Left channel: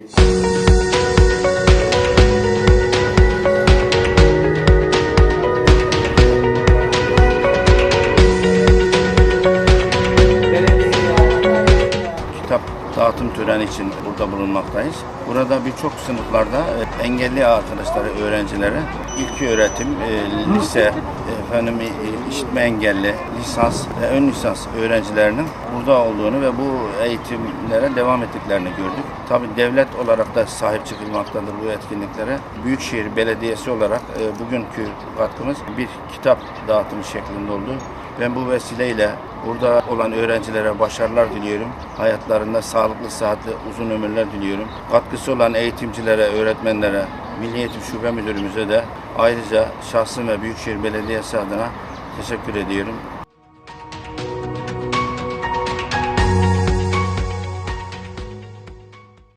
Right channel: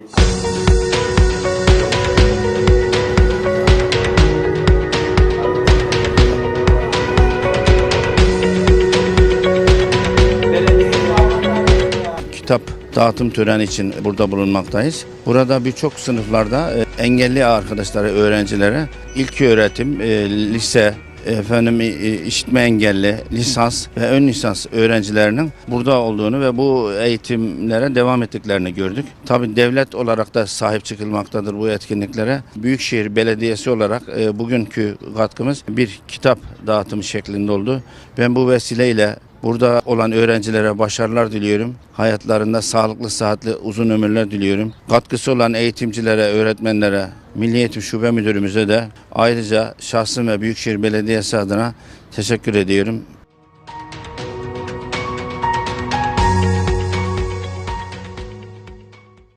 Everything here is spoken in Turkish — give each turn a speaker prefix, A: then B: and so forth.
A: kitap dağıtım töreni için burada bulunmaktayız. Burada birçok sınıflarda e, engelli arkadaşlara, öğrencilere ilk öğretim, e, lise, efendim e, işitme engelli, lisans ve ön lisans öğrencilerinin burada olduğunu ve bu eğitimlere devam ettiklerini gördük. Tabii devlet olarak da sahip çıkılmaktadır bu etkinliklere. Büyükşehir Belediyesi olarak bugünkü katkımız bir kitap dağıtımı şeklinde oldu. Ben bu vesileyle Burada olan öğrencilere başarılar diliyorum. Hayatlarında sağlıklı, sıhhatli, uzun ömürler diliyorum. Katkısı olan eğitimcilere, öğretmenlere, Milli Eğitim Şube Müdürümüze de ayrıca şahsım ve Büyükşehir Belediyesi adına teşekkür ediyorum.